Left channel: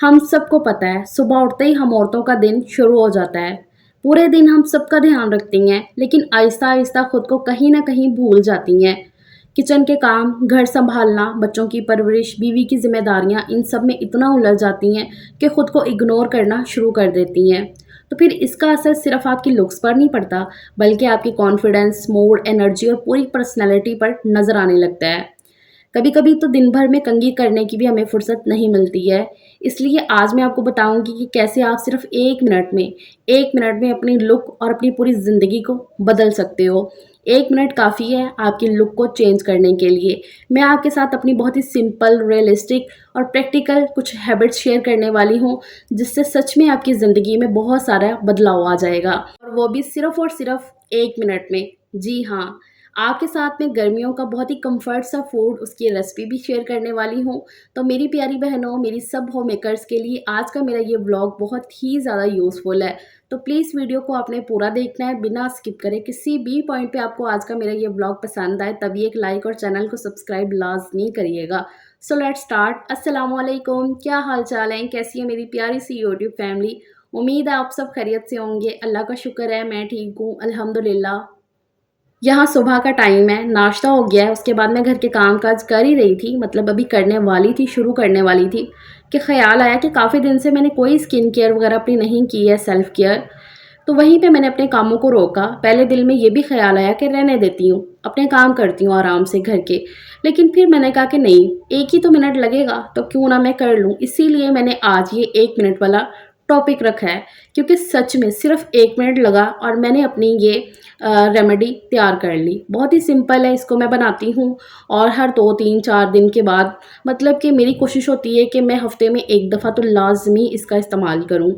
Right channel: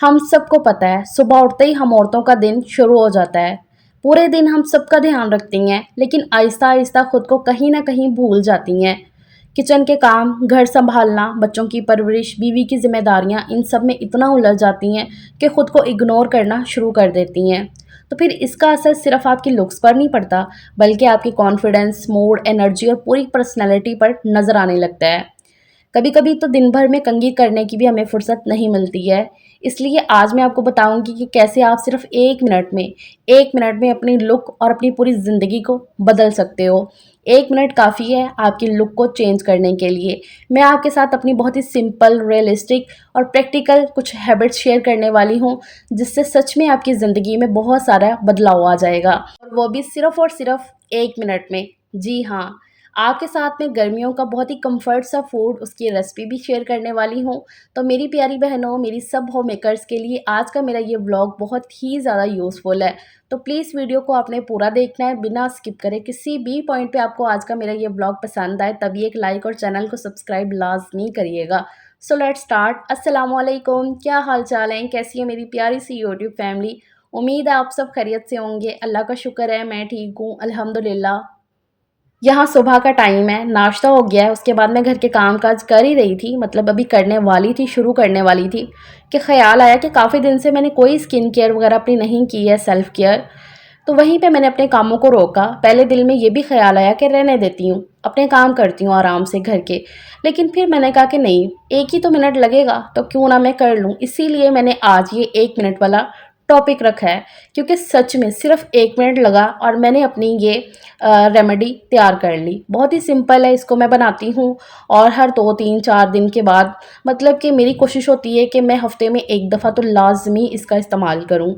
हम सबको पता है सुबह उठते ही हम औरतों का दिन शुरू हो जाता है। पूरे दिन हम सबका ध्यान रखती हैं, लेकिन आहिस्ता आहिस्ता खुद को कहीं ना कहीं भूल जाती हैं। किचन के काम, घर संभालना, बच्चों की परवरिश, बीवी की जिम्मेदारियां, इन सब में इतना उलझ जाती हैं कि खुद को इग्नोर करना शुरू कर देती हैं। तो फिर इसका असर सिर्फ आपकी लुक्स पर नहीं पड़ता, बल्कि आपकी कॉन्फिडेंस, मूड, एनर्जी और पूरी पर्सनैलिटी पर नजर आने लगता है। कभी कभी तो दिन भर में कंघी करने की भी हमें फुर्सत नहीं मिलती है। इसलिए आज मैं आपको बताऊंगी कि कैसे आप सिर्फ 1 मिनट में अपनी लुक और अपनी पूरी ज़िंदगी को बदल सकते हो। 1 मिनट काफ़ी है आपकी लुक को चेंज करने के लिए। मैं आपके साथ अपनी बहुत ही सिंपल, रियलिस्टिक और प्रैक्टिकल कुछ हैबिट्स शेयर करने वाली हूँ, जिससे सच में आपकी ज़िंदगी में बहुत सारा बदलाव आ जाएगा, और वो भी सिर्फ और सिर्फ 1 मिनट में। जी हाँ, आपके साथ में गर्मियों का बहुत ही कंफर्ट सा फूड, उसकी रेसिपी भी शेयर करने वाली हूँ। तो मेरी प्यारी बहनों, मेरी सब होम मेकर्स के लिए आज का मेरा ये व्लॉग बहुत ही ज़्यादा यूज़फुल है। तो प्लीज़ वीडियो को आपने पूरा देखना है, बिना स्किप करे। किसी भी पॉइंट पे आपको आज का मेरा ये व्लॉग पसंद आए तभी एक लाइक और चैनल को सब्सक्राइब लाजमी करिएगा। So let's start. अस्सलाम वालेकुम, क्या हाल चाल है, कैसी है मेरी प्यारी सी यूट्यूब फैमिली। उम्मीद है आप सब खैरियत से होंगे। अल्लाह का शुक्र है, मैं ठीक हूँ अल्हम्दुलिल्लाह। यहाँ सुबह का टाइम है, नाश्ता हो गया है, उसके बाद मैं घर के काम-काज कर ही रही थी, मतलब अभी करने वाली थी, शुरू करने वाली थी, कि ख़्याल आया कि काफ़ी दिन से मैंने कोई स्किन केयर वगैरह अपनी नहीं की है, सेल्फ केयर। तो वहीं पे मैंने अपने कामों को रोका। पहले दिल में ये भी ख़्याल आया कि रहने देती हूँ, अपने काम करती हूँ आराम से घर के। लेकिन फिर मैंने कहा कि नहीं, 1 ही तो मिनट लगेगा, तो क्यों ना मैं कर लूँ। इसीलिए मैंने आज ये 1 मिनट वाला टॉपिक रखा है, क्योंकि सच में सिर्फ़ 1 मिनट लगा और मैंने अपनी ये रेमेडी तैयार कर ली। बहुत ही सिंपल है, इसको मैं बनाती हूँ और हर 2, 3, 4 दिन के बाद, मतलब कि मेरी कोशिश होती है कि मैं हफ़्ते में 1 दफ़ा तो लाज़मी इसका इस्तेमाल करूँ।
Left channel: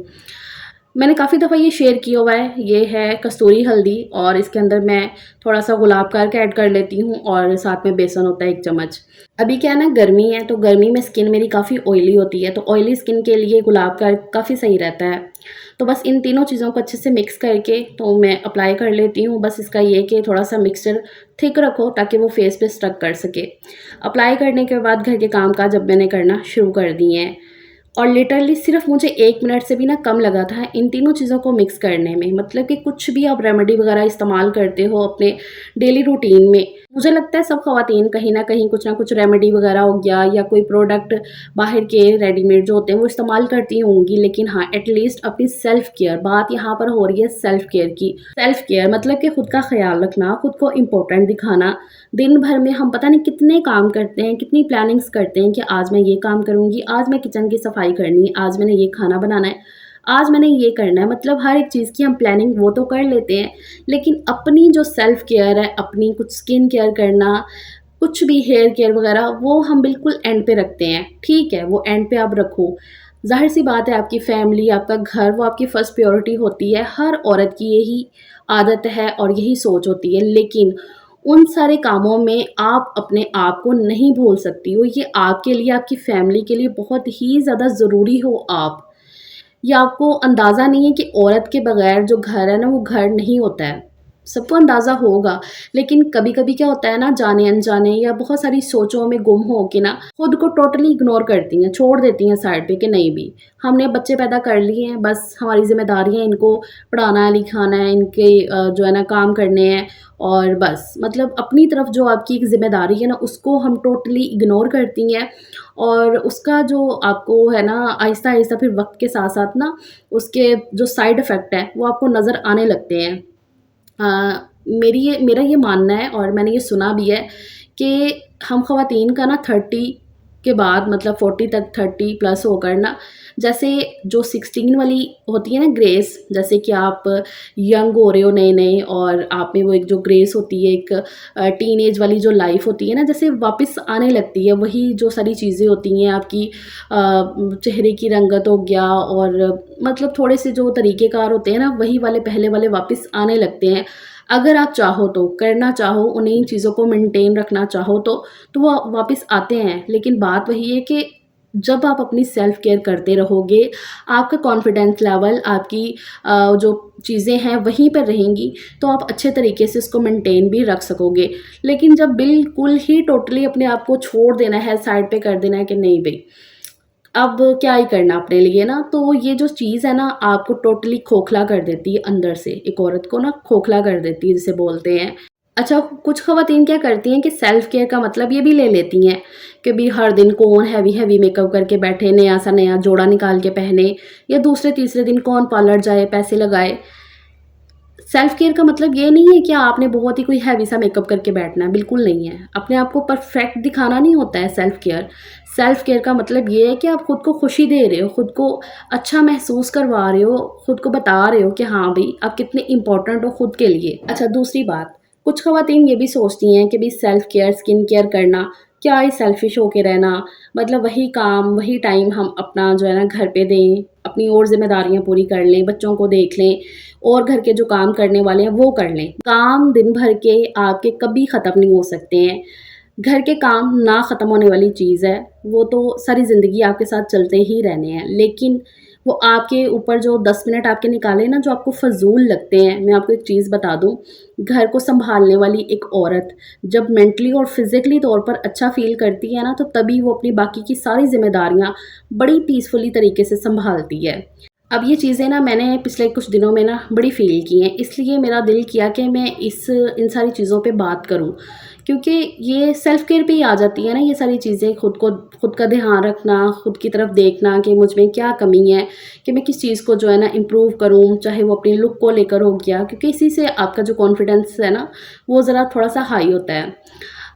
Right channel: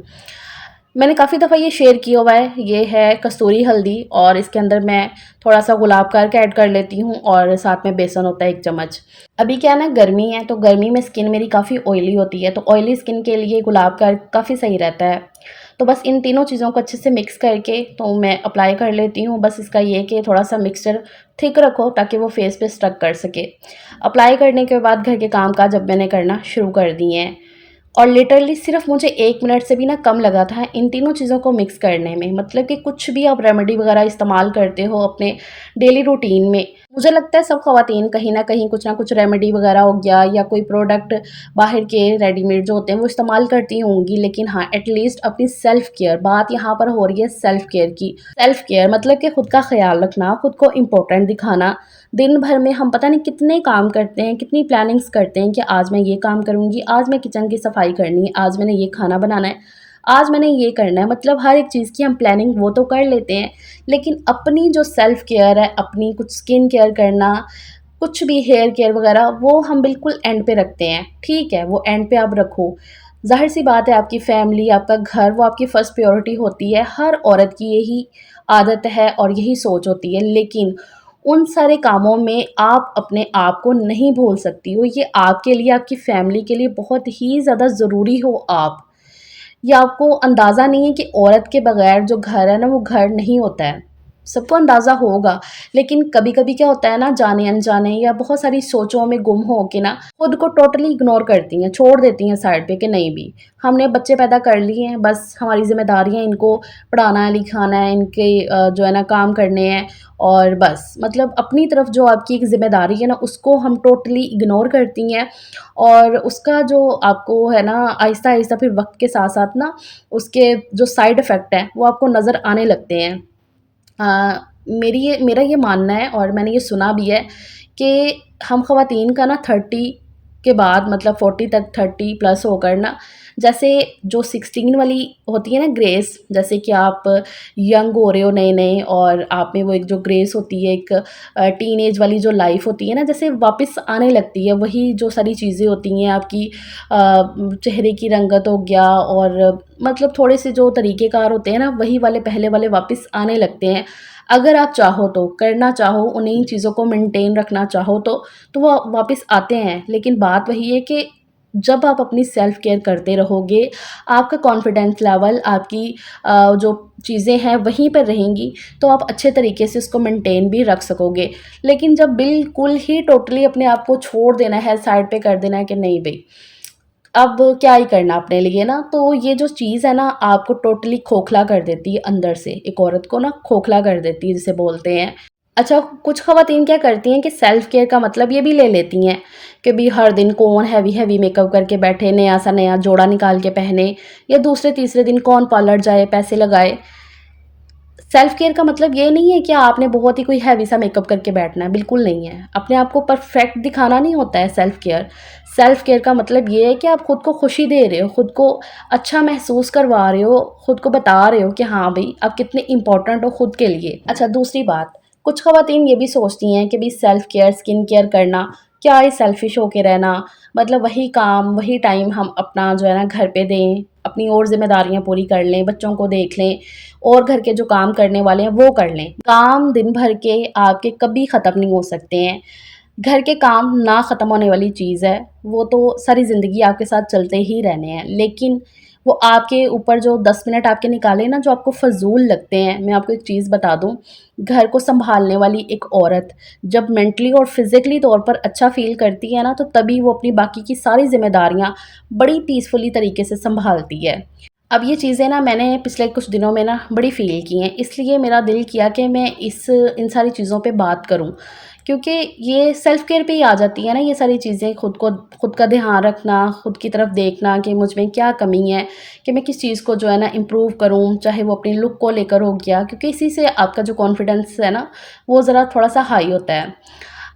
मैंने काफ़ी दफ़ा ये शेयर किया हुआ है, ये है कस्तूरी हल्दी, और इसके अंदर मैं थोड़ा-सा गुलाब का अर्क ऐड कर लेती हूँ और साथ में बेसन होता है 1 चम्मच। अभी क्या है ना, गर्मी है, तो गर्मी में स्किन मेरी काफ़ी ऑयली होती है, तो ऑयली स्किन के लिए गुलाब का अर्क काफ़ी सही रहता है। तो बस इन तीनों चीज़ों को अच्छे से मिक्स करके तो मैं अप्लाई कर लेती हूँ। बस इसका ये है कि थोड़ा-सा मिक्सचर थिक रखो ताकि वो फेस पे स्टक कर सके। अप्लाई करने के बाद घर के काम-काज अब मैंने करना शुरू कर दिए हैं। और लिटरली सिर्फ मुझे 1 मिनट से भी ना कम लगा था इन तीनों चीज़ों को मिक्स करने में। मतलब कि कुछ भी आप रेमेडी वगैरह इस्तेमाल करते हो अपने डेली रूटीन में, मुझे लगता है सब ख़वातीन कहीं न कहीं कुछ ना कुछ रेमेडी वगैरह हो गया या कोई प्रोडक्ट बाहर के रेडीमेड जो होते हैं वो इस्तेमाल करती होंगी। लेकिन हाँ, एटलीस्ट अपनी सेल्फ केयर, बात यहाँ पर हो रही है सेल्फ केयर की। सेल्फ केयर मतलब कि खुद का ख़्याल रखना, खुद को इम्पोर्टेंट दिखाना। दिन भर में हम पता नहीं कितने काम करते हैं, कितनी प्लानिंग्स करते हैं कि आज मैं ये काम करूँगी, आज मैं किचन की सफाई करनी है, आज मैंने ये खाना बनाना है, आज मैंने ये करना है। मतलब हर एक चीज़ की हम प्लानिंग वो तो कर लेते हैं, लेकिन अपनी जो सेल्फ केयर है, अपनी कुछ स्किन केयर करना, कुछ भी हेयर केयर वगैरह, वो हम बिल्कुल एंड पे रखते हैं। ठीक है, वो एंड पे आप रखो। ज़ाहिर-सी बात है, आपकी फैमिली, आपका घर, वो आपकी फर्स्ट प्रायोरिटी होती है। हर औरत की यही आदत है और यही सोच होती है। लेकिन उन सारे कामों में आप अपने आप को नहीं भूल सकती हो। ये आपके लिए, आपकी फैमिली के लिए बहुत ही ज़्यादा ज़रूरी हो आप। ये आपको अंदाज़ा नहीं है कि औरत के बगैर जो घर है ना, वो घर नहीं होता है। सबको अंदाज़ा होगा, लेकिन कभी-कभी क्या होता है ना, जाने-अनजाने या बहुत सारी सोचों में गुम हो के ना, खुद को टोटली इग्नोर करती हैं, छोड़ देती हैं साइड पे कि नहीं भी, हमने बच्चे पैदा कर लिए हैं, बस हमारी ज़िम्मेदारियाँ इनको पढ़ाना है, लिखाना है, इनके जो है ना काम करने हैं, और बस मतलब अपनी तरफ जो आपकी एक ज़िम्मेदारी है ना, उसको हम टोटली इग्नोर करती हैं। और उसका जो आपको है ना, आहिस्ता-आहिस्ता फिर वक़्त के साथ-साथ ना, उसके जो साइड इफ़ेक्ट हैं, वो आपको नज़र आने लगते हैं। मेरा ये मानना है और मैंने ये सुना भी है कि हम ख़वातीन का ना 30 के बाद, मतलब 40 तक, 30 प्लस होकर ना, जैसे जो 16 वाली होती है ना ग्रेस, जैसे कि आप यंग हो रहे हो नए-नए और आप में वो एक जो ग्रेस होती है, एक टीनेज वाली जो लाइफ़ होती है ना, जैसे वापस आने लगती है। वही जो सारी चीज़ें होती हैं आपकी, चेहरे की रंगत हो गया, और मतलब थोड़े से जो तरीक़ेकार होते हैं ना, वही वाले पहले वाले वापस आने लगते हैं। अगर आप चाहो तो, करना चाहो, उन्हीं चीज़ों को मेंटेन रखना चाहो तो वो वापस आते हैं। लेकिन बात वही है कि जब आप अपनी सेल्फ केयर करते रहोगे, आपका कॉन्फिडेंस लेवल, आपकी जो चीज़ें हैं वहीं पर रहेंगी, तो आप अच्छे तरीके से इसको मेंटेन भी रख सकोगे। लेकिन जब बिल्कुल ही टोटली अपने आप को छोड़ देना है, साइड पे कर देना है कि नहीं भई, अब क्या ही करना अपने लिए ना, तो ये जो चीज़ है ना आपको टोटली खोखला कर देती है अंदर से, एक औरत को ना खोखला कर देती है जिसे बोलते हैं। अच्छा, कुछ ख़वातीन क्या करती हैं कि सेल्फ केयर का मतलब ये भी ले लेती हैं कि भी हर दिन कौन हैवी मेकअप करके बैठे, नया सा नया जोड़ा निकाल के पहने, या दूसरे तीसरे दिन कौन पार्लर जाए, पैसे लगाए। सेल्फ केयर का मतलब ये नहीं है कि आपने बहुत ही कोई हैवी सा मेकअप करके बैठना है, बिल्कुल नहीं है। अपने आप को परफेक्ट दिखाना नहीं होता है सेल्फ केयर। सेल्फ केयर का मतलब ये है कि आप खुद को खुशी दे रहे हो, खुद को अच्छा महसूस करवा रहे हो, खुद को बता रहे हो कि हाँ भई आप कितने इम्पोर्टेंट हो खुद के लिए। अच्छा, दूसरी बात, कुछ ख़वातीन ये भी सोचती हैं कि भई सेल्फ केयर, स्किन केयर करना, क्या है सेल्फिश होके रहना, मतलब वही काम, वही टाइम हम अपना जो है ना घर पे दें, अपनी और ज़िम्मेदारियाँ पूरी कर लें, बच्चों को देख लें और घर के जो काम करने वाले हैं वो कर लें। काम दिन भर के आपके कभी ख़त्म नहीं हो सकते हैं। घर के काम ना ख़त्म होने वाली चीज़ है, वो तो सारी ज़िंदगी आपके साथ चलते ही रहने हैं। लेकिन वो आपके ऊपर जो 10 मिनट आपके निकाले ना जो आपको फ़ज़ूल लगते हैं, मैं आपको एक चीज़ बता दूँ, घर को सँभालने वाली एक औरत जब मेंटली और फ़िज़िकली तौर पर अच्छा फ़ील करती है ना, तो तभी वो अपनी बाकी की सारी ज़िम्मेदारियाँ बड़ी पीसफुली तरीके से सँभालती है। अब ये चीज़ें ना मैंने पिछले कुछ दिनों में ना बड़ी फ़ील की हैं, इसलिए मेरा दिल किया कि मैं इन सारी चीज़ों पे बात करूँ। क्योंकि ये सेल्फ केयर पे ही आ जाती है ना ये सारी चीज़ें, खुद का ध्यान रखना, खुद की तरफ देखना कि मुझ में क्या कमी है, कि मैं किस चीज़ को जो है ना इम्प्रूव करूँ, चाहे वो अपनी लुक को लेकर हो गया, क्योंकि इसी से आपका जो कॉन्फिडेंस है ना, वो ज़रा थोड़ा-सा हाई होता है।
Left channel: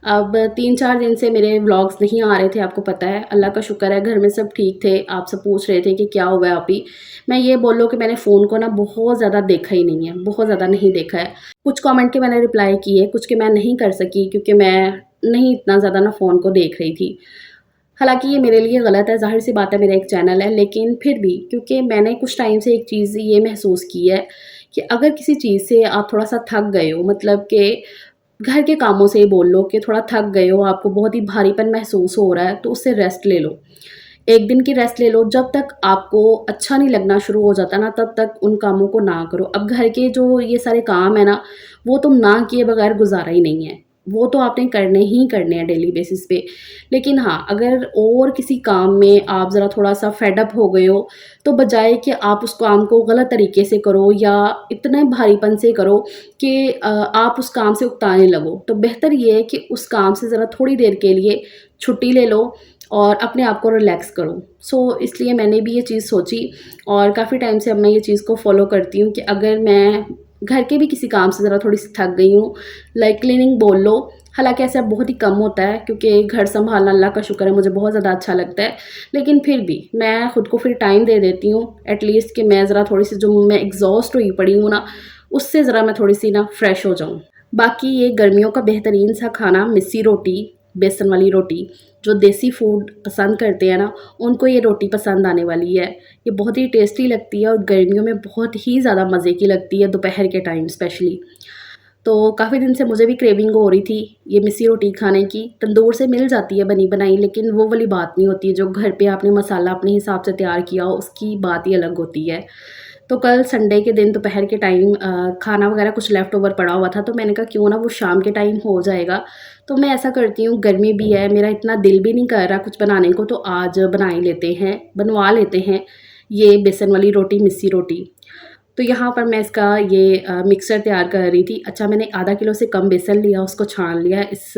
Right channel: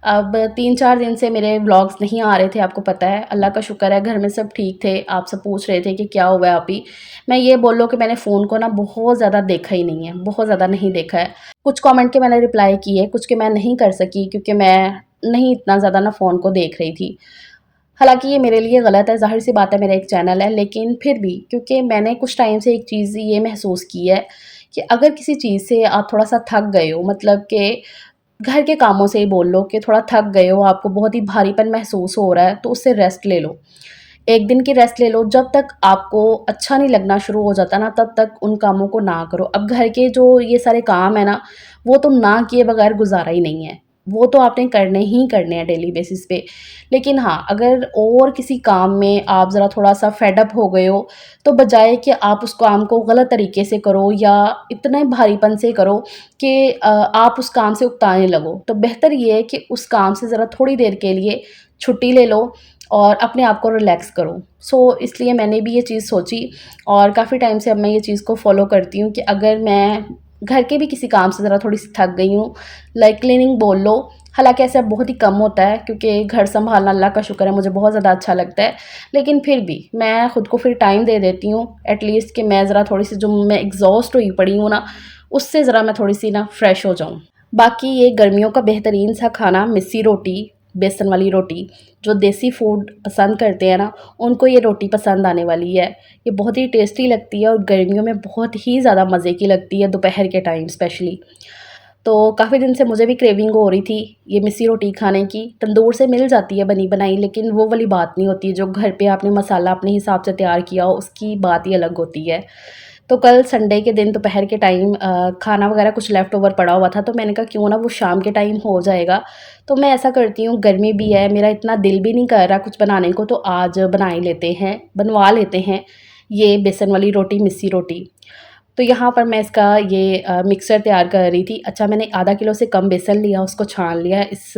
अब 3-4 दिन से मेरे व्लॉग्स नहीं आ रहे थे, आपको पता है, अल्लाह का शुक्र है घर में सब ठीक थे। आप सब पूछ रहे थे कि क्या हुआ है अभी? मैं ये बोल कि मैंने फ़ोन को ना बहुत ज़्यादा देखा ही नहीं है, बहुत ज़्यादा नहीं देखा है। कुछ कमेंट के मैंने रिप्लाई किए, कुछ के मैं नहीं कर सकी क्योंकि मैं नहीं इतना ज़्यादा ना फ़ोन को देख रही थी। हालाँकि ये मेरे लिए गलत है, ज़ाहिर-सी बात है मेरा एक चैनल है, लेकिन फिर भी क्योंकि मैंने कुछ टाइम से एक चीज़ ये महसूस की है कि अगर किसी चीज़ से आप थोड़ा-सा थक गए हो, मतलब कि घर के कामों से ही बोल लो कि थोड़ा थक गए हो, आपको बहुत ही भारीपन महसूस हो रहा है, तो उससे रेस्ट ले लो। 1 दिन की रेस्ट ले लो, जब तक आपको अच्छा नहीं लगना शुरू हो जाता ना, तब तक उन कामों को ना करो। अब घर के जो ये सारे काम हैं ना, वो तो ना किए बगैर गुज़ारा ही नहीं है। वो तो आपने करने ही करने हैं डेली बेसिस पे। लेकिन हाँ, अगर और किसी काम में आप ज़रा थोड़ा-सा फेड अप हो गए हो, तो बजाए कि आप उस काम को गलत तरीके से करो या इतने भारीपन से करो कि आप उस काम से उकताने लगो, तो बेहतर ये है कि उस काम से ज़रा थोड़ी देर के लिए छुट्टी ले लो और अपने आप को रिलैक्स करो। सो इसलिए मैंने भी ये चीज़ सोची और काफ़ी टाइम से अब मैं ये चीज़ को फ़ॉलो करती हूँ कि अगर मैं घर के भी किसी काम से ज़रा थोड़ी-सी थक गई हूँ, लाइक क्लीनिंग बोल लो, हालाँकि ऐसा बहुत ही कम होता है क्योंकि घर सँभालना अल्लाह का शुक्र है मुझे बहुत ज़्यादा अच्छा लगता है। लेकिन फिर भी मैं खुद को फिर टाइम दे देती हूँ एटलीस्ट कि मैं ज़रा थोड़ी-सी जो मैं एग्ज़ॉस्ट हुई पड़ी हूँ ना, उससे ज़रा मैं थोड़ी-सी ना फ्रेश हो जाऊँ। बाकी ये गर्मियों का बेहतरीन सा खाना मिस्सी रोटी, बेसन वाली रोटी, जो देसी फूड पसंद करते हैं ना, उनको ये रोटी पसंद आने वाली है। ये बहुत ही टेस्टी लगती है और गर्मियों में बहुत ही ज़्यादा मज़े की लगती है, दोपहर के टाइम स्पेशली। तो काफ़ी दिन से मुझे भी क्रेविंग हो रही थी ये मिस्सी रोटी खाने की। तंदूर से मिल जाती है बनी-बनाई, लेकिन वो वाली बात नहीं होती है, जो घर पे आपने मसाला अपने हिसाब से तैयार किया हो, उसकी बात ही अलग होती है। तो कल संडे के दिन दोपहर के टाइम खाना वगैरह कुछ लेफ्ट ओवर पड़ा हुआ था, तो मैंने कहा क्यों ना वो शाम के टाइम हो जाएगा। तो मैं ऐसा करती हूँ, गर्मी भी है, मेरा इतना दिल भी नहीं कर रहा कुछ बनाने को, तो आज बना ही लेते हैं, बनवा लेते हैं ये बेसन वाली रोटी, मिस्सी रोटी। तो यहाँ पर मैं इसका ये मिक्सचर तैयार कर रही थी। अच्छा, मैंने आधा किलो से कम बेसन लिया, उसको छान लिया इस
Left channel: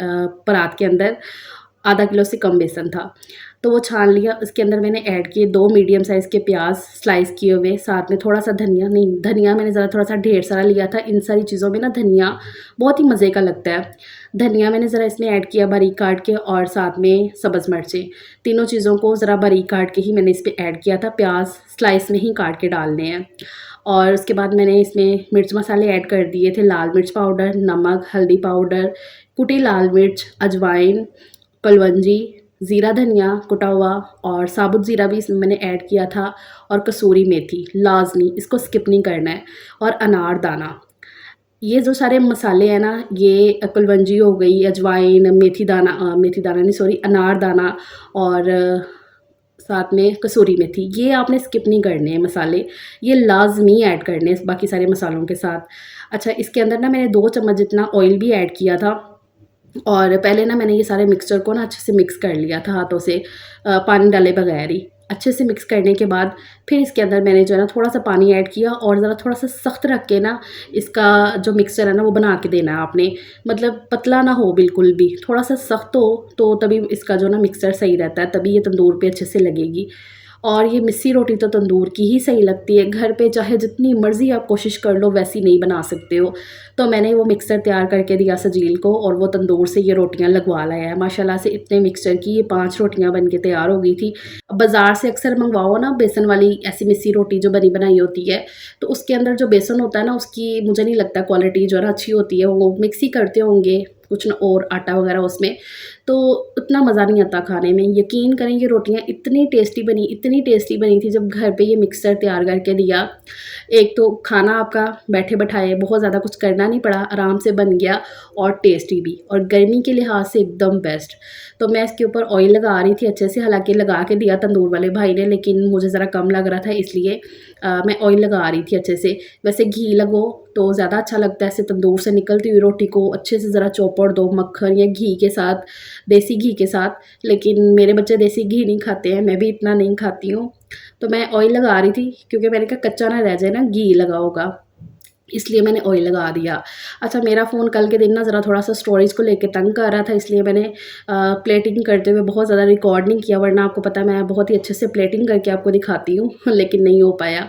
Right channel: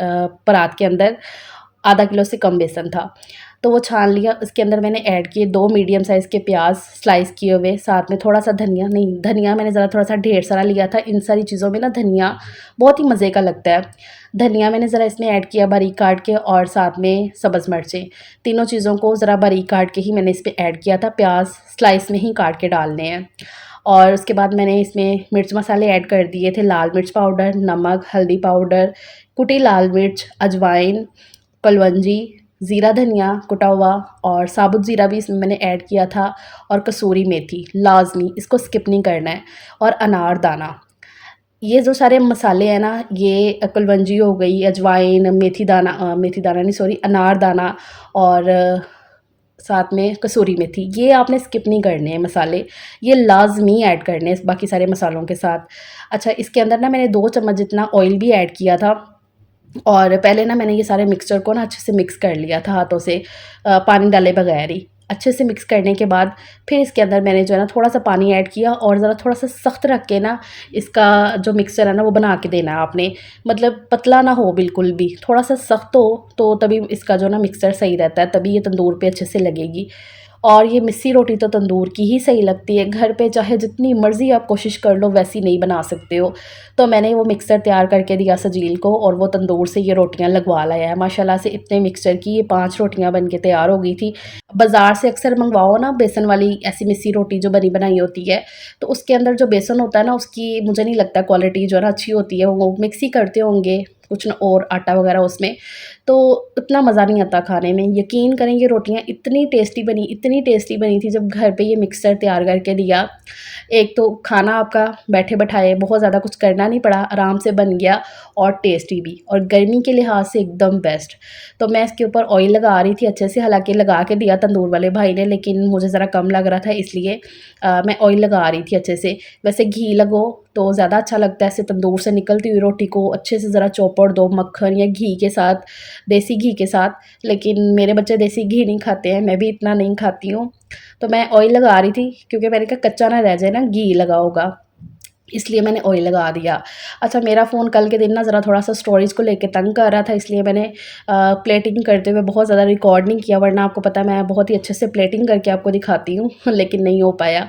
परात के अंदर, आधा किलो से कम बेसन था। तो वो छान लिया, उसके अंदर मैंने ऐड किए 2 मीडियम साइज़ के प्याज़ स्लाइस किए हुए, साथ में थोड़ा-सा धनिया, नहीं धनिया मैंने ज़रा थोड़ा-सा ढेर सारा लिया था। इन सारी चीज़ों में ना धनिया बहुत ही मज़े का लगता है। धनिया मैंने ज़रा इसमें ऐड किया बारीक काट के और साथ में सब्ज़ मिर्चें। तीनों चीज़ों को ज़रा बारीक काट के ही मैंने इस पे ऐड किया था, प्याज़ स्लाइस में ही काट के डालने हैं। और उसके बाद मैंने इसमें मिर्च मसाले ऐड कर दिए थे, लाल मिर्च पाउडर, नमक, हल्दी पाउडर, कुटी लाल मिर्च, अजवाइन, कलवंजी, ज़ीरा धनिया कुटा हुआ और साबुत ज़ीरा भी इसमें मैंने ऐड किया था और कसूरी मेथी लाज़मी, इसको स्किप नहीं करना है, और अनारदाना। ये जो सारे मसाले हैं ना, ये कुलवंजी हो गई, अजवाइन, मेथी दाना नहीं सॉरी अनारदाना और साथ में कसूरी मेथी, ये आपने स्किप नहीं करने हैं मसाले, ये लाज़मी ऐड करने हैं बाकी सारे मसालों के साथ। अच्छा, इसके अंदर ना मैंने 2 चम्मच जितना ऑयल भी ऐड किया था और पहले ना मैंने ये सारे मिक्सचर को ना अच्छे से मिक्स कर लिया था हाथों से, पानी डाले बगैर ही। अच्छे से मिक्स करने के बाद फिर इसके अंदर मैंने जो है ना थोड़ा-सा पानी ऐड किया और ज़रा थोड़ा-सा सख्त रख के ना इसका जो मिक्सचर है ना वो बना के देना है आपने। मतलब पतला ना हो बिल्कुल भी, थोड़ा-सा सख्त हो तो तभी इसका जो ना मिक्सचर सही रहता है, तभी ये तंदूर पे अच्छे से लगेगी। और ये मिस्सी रोटी तो तंदूर की ही सही लगती है, घर पे चाहे जितनी मर्ज़ी आप कोशिश कर लो वैसी नहीं बना सकते हो। तो मैंने वो मिक्सर तैयार करके दिया सजील को और वो तंदूर से ये रोटियाँ लगवा लाया है। माशाल्लाह से इतने मिक्सचर की ये 5 रोटियाँ बन के तैयार हो गई थी। बाज़ार से अक्सर मँगवाओ ना बेसन वाली ऐसी मिस्सी रोटी जो बनी बनाई होती है, तो उसके अंदर जो बेसन होता है ना उसकी मुझे नहीं लगता क्वालिटी जो है ना अच्छी होती है। वो मिक्स ही करते होंगे कुछ न और आटा वग़ैरह उसमें, तो उतना मज़ा नहीं आता खाने में। यकीन करें ये रोटियाँ इतनी टेस्टी बनी थी जब घर पे ये मिक्सर तैयार करके दिया। एक तो खाना आपका बैठे-बैठाए बहुत ज़्यादा कुछ करना नहीं पड़ा, आराम से बन गया और टेस्टी भी और गर्मी के लिहाज़ से एकदम बेस्ट। तो मैं इसके ऊपर ऑयल लगा रही थी अच्छे से, हालाँकि लगा के दिया तंदूर वाले भाई ने, लेकिन मुझे ज़रा कम लग रहा था इसलिए मैं ऑयल लगा रही थी अच्छे से। वैसे घी लगो तो ज़्यादा अच्छा लगता है, ऐसे तंदूर से निकलती हुई रोटी को अच्छे से ज़रा चौपड़ दो मक्खन या घी के साथ, देसी घी के साथ। लेकिन मेरे बच्चे देसी घी नहीं खाते हैं, मैं भी इतना नहीं खाती हूँ। तो मैं ऑयल लगा रही थी क्योंकि मैंने कहा कच्चा ना रह जाए ना घी लगा होगा, इसलिए मैंने ऑयल लगा दिया। अच्छा मेरा फ़ोन कल के दिन ना ज़रा थोड़ा-सा स्टोरेज को लेके तंग कर रहा था, इसलिए मैंने प्लेटिंग करते हुए बहुत ज़्यादा रिकॉर्ड नहीं किया, वरना आपको पता है मैं बहुत ही अच्छे से प्लेटिंग करके आपको दिखाती हूँ लेकिन नहीं हो पाया।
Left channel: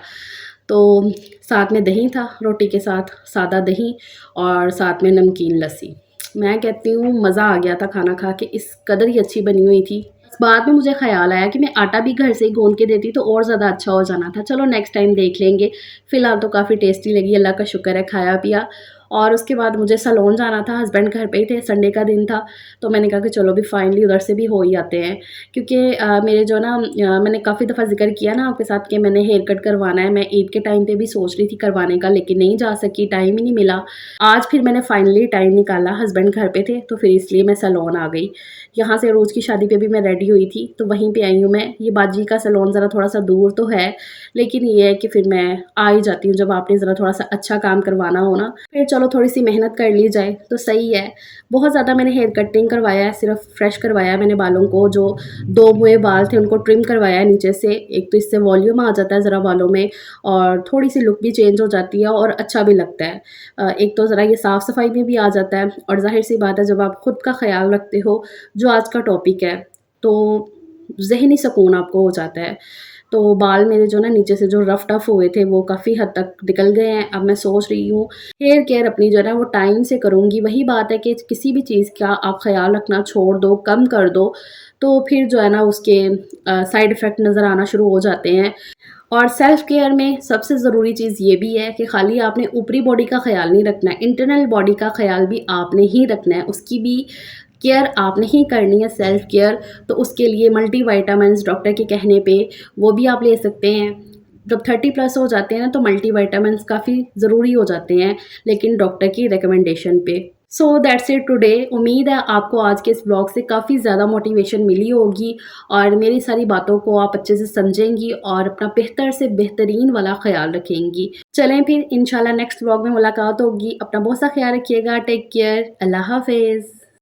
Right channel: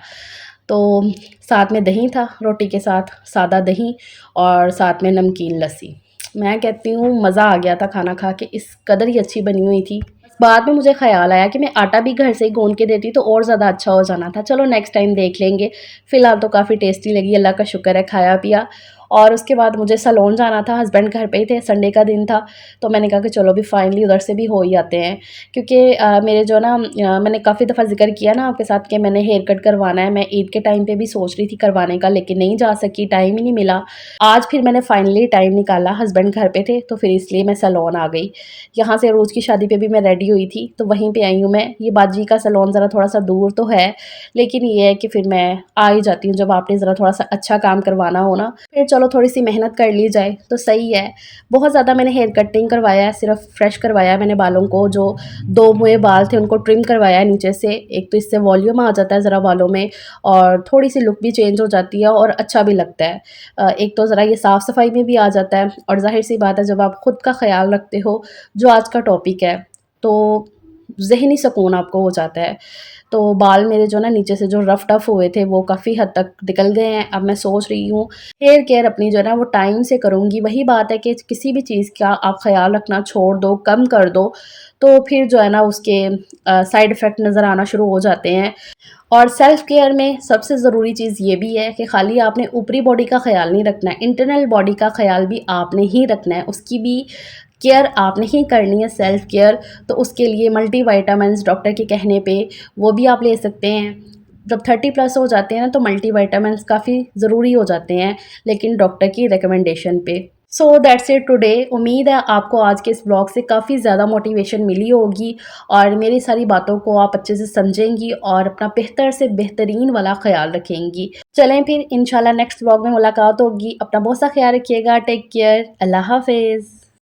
तो साथ में दही था, रोटी के साथ सादा दही और साथ में नमकीन लस्सी। मैं कहती हूँ मज़ा आ गया था खाना खा के, इस कदर ही अच्छी बनी हुई थी। बाद में मुझे ख़्याल आया कि मैं आटा भी घर से ही गूँध के देती तो और ज़्यादा अच्छा हो जाना था। चलो नेक्स्ट टाइम देख लेंगे। फ़िलहाल तो काफ़ी टेस्टी लगी, अल्लाह का शुक्र है, खाया-पिया और उसके बाद मुझे सैलून जाना था, हस्बैंड घर पे ही थे, संडे का दिन था, तो मैंने कहा कि चलो अभी फाइनली उधर से भी हो ही आते हैं। क्योंकि मेरे जो ना मैंने काफ़ी दफ़ा ज़िक्र किया ना आपके साथ कि मैंने हेयर कट करवाना है, मैं ईद के टाइम पे भी सोच रही थी करवाने का, लेकिन नहीं जा सकी, टाइम ही नहीं मिला। आज फिर मैंने फाइनली टाइम निकाला, हस्बैंड घर पे थे, तो फिर इसलिए मैं सैलून आ गई। यहाँ से रोज़ की शादी पे भी मैं रेडी हुई थी, तो वहीं पे आई हूँ मैं। ये बाजी का सैलून ज़रा थोड़ा-सा दूर तो है, लेकिन ये है कि फिर मैं आ ही जाती हूँ जब आपने ज़रा थोड़ा-सा अच्छा काम करवाना हो ना, फिर चलो थोड़ी-सी मेहनत कर ली जाए तो सही है। बहुत ज़्यादा मैंने हेयर कट नहीं करवाया है, सिर्फ़ फ्रेश करवाया है मैंने बालों को, जो 2 मुए बाल थे उनको ट्रिम करवाया है नीचे से। एक तो इससे वॉल्यूम आ जाता है ज़रा बालों में और थोड़ी-सी लुक भी चेंज हो जाती है और अच्छा भी लगता है। एक तो ज़रा ये साफ-सफाई में भी आ जाता है और ज़ाहिर-सी बात है जब आप खुद का ख़्याल रखते हो, जो आज का टॉपिक है, तो ज़हनी सुकून आपको हो जाता है। तो बाल मेरे जो ना नीचे से जो रफ़-टफ़ हुए थे वो काफ़ी हद तक निकल गए हैं। अब मैं सोच रही हूँ हेयर केयर अपनी जो है ना वो टाइम से करूँगी। वही बात है कि किसी भी चीज़ का आप ख़्याल रखना छोड़ दो, कम कर दो, तो फिर जो है ना उसके साइड इफ़ेक्ट नज़र आना शुरू हो जाते हैं। और सेल्फ केयर में सबसे ज़रूरी चीज़ ये भी है कि खाली आपने ऊपरी बॉडी का ख़्याल नहीं रखना है, इंटरनल बॉडी का ख़्याल भी आपने ही रखना है, उसकी भी केयर आपने ही करनी है सेल्फ केयर। तो उसके लिए मल्टीविटामिन्स डॉक्टर के कहने पे वो भी आप ले सकते हैं। जब 30 प्लस हो जाते हैं ना तो मल्टीविटामिन्स काफ़ी ज़रूरी हो जाते हैं, लेकिन डॉक्टर की रिकमेंडेशन पे। So that's it today. उम्मीद है आपको आज के इस ब्लॉग से काफ़ी ज़्यादा मोटिवेशन मिली होगी और मेरी सारी बातों को आप अच्छे से समझेंगी और अपना बेहतर से बेहतरीन वाला ख़्याल रखेंगी। चलें फिर इंशाल्लाह नेक्स्ट ब्लॉग में मुलाकात होगी। अपना बहुत सा ख़्याल रखिएगा। Take care. अल्लाह हाफ़िज़।